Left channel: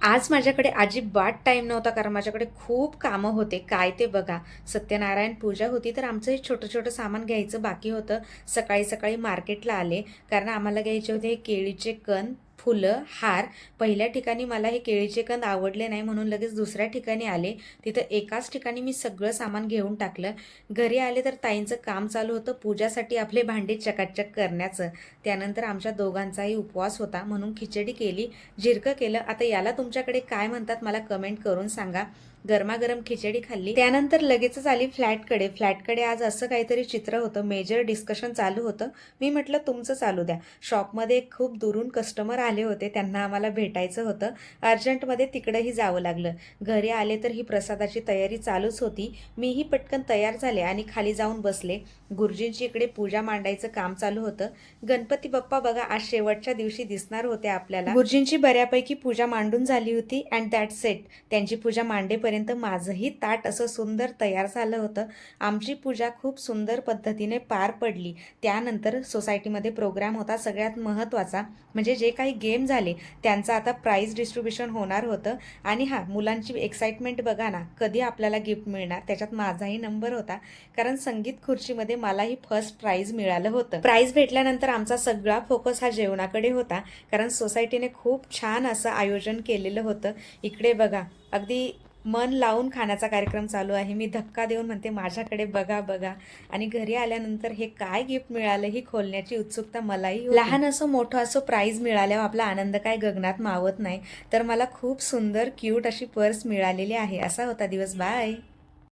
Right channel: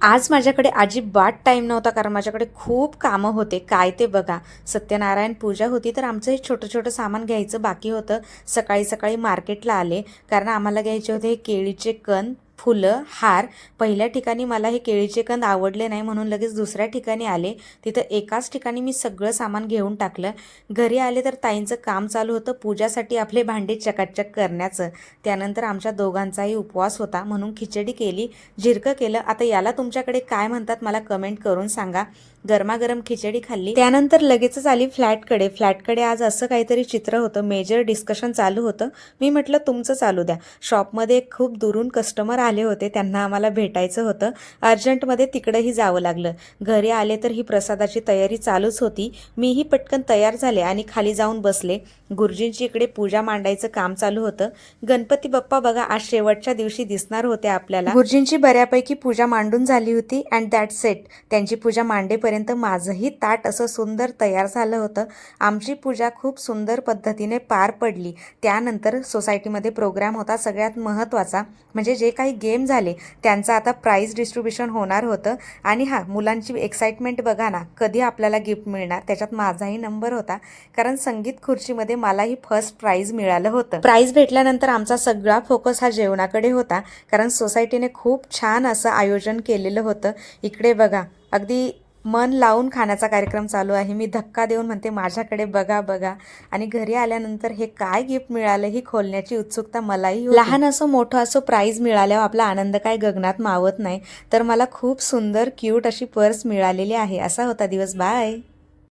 आज माझ्याकडे अजिबात टाईम नव्हता कारण माझ्याकडे खूप कामं होते. काय ते बघा, सत्यनारायण पूजा होती तर आमचं हे छोटं-छोटं सामान घ्यायचं बाकी होतं. सकाळी-सकाळी मार्केटला आले कारण आम्हाला घ्यायचे होते हे केळीचे कंद, फुलं, हार. पहिल्या ठिकाणी मला हे केळीचे कंद आवडले नाही म्हणून लगेच दुसऱ्या ठिकाणी आले. तिथं एकाच ठिकाणी मी सगळं सामान घेऊन टाकलं. घरी आले तर ताईंचं काम चालू होतं पूजासाठी आपले भांडे चकाचक करण्याचं. त्यानंतर आमच्या दोघांचाही उपवास होता म्हणून खिचडी केली, झिरकं केलं. आता याला तुमच्याकडे काय म्हणतात मला कमेंट करून सांगा. गरमागरम खिचडी खाल्ली. त्यानंतर लगेचच आली फ्लॅटकडे. फ्लॅटकडे आज असं काहीतरी चित्र होतं, मेजर डिस्कशन चालू होतं. मी म्हटलं तुमचं चालू द्या. शॉपमध्ये खूप दुरून कस्टमर आले होते, त्यांना आम्हाला भेटायचं होतं. अर्जंटमध्ये तिकडेही जावं लागलं. घरी आले तर ही प्रसादाची तयारी चालूच होती. मीही पटकन तयार झाले आणि खाली जाऊन बसले. गुरुजींची इकडे पूजा मांडायचं काम चालू होतं. गणपती बाप्पा बघा आज शेवटच्या दिवशी दिसणार होते आपल्याला. गुरुजींची बऱ्यापैकी पूजा मांडून झाली होती अँड दॅट्स इट. त्यांची पूजा मांडेपर्यंत माझंही ताट असं सुंदर तयार झालं होतं. आमची पूजा खूप सुंदर पद्धतीने पार पडली. त्यानंतर सोसायटीमध्ये प्रोग्राम होता. सगळ्यात महत्त्वाचा म्हणजे जे काही गेम झाले त्यांचं आता प्राईज डिस्ट्रीब्युशन होणार होतं. आणि मुलांची एक्साइटमेंट बघा ना, कधी आपल्याला गिफ्ट मिळणार. त्याच्यात माझाही नंबर होता कारण संगीत खुर्चीमध्ये मलाही फर्स्ट प्राईज मिळालं होतं. प्राईज भेटल्यानंतर आमचा सगळा फोकस हा जेवणाकडे होता कारण सोसायटीने खूप छान असं आयोजन केलेलं होतं. इकडे बघा, अगदी मन लावून खाण्याचा कार्यक्रम चालू आहे. मी धक्का देऊन म्हणते माझ्याकडे बघा बघा. आणि घरी आल्यानंतर हे काय गिफ्ट मिळालं ही खोलण्याची उत्सुकता मलाही होती. लहान असं मोठं असं प्राईज मिळाल्यावर आपला आनंद काय गगनात मावत नाही. तर मला खूप सुंदर क्यूट अशी पर्स मिळालेली आहे. असा होता दिवस. बाय.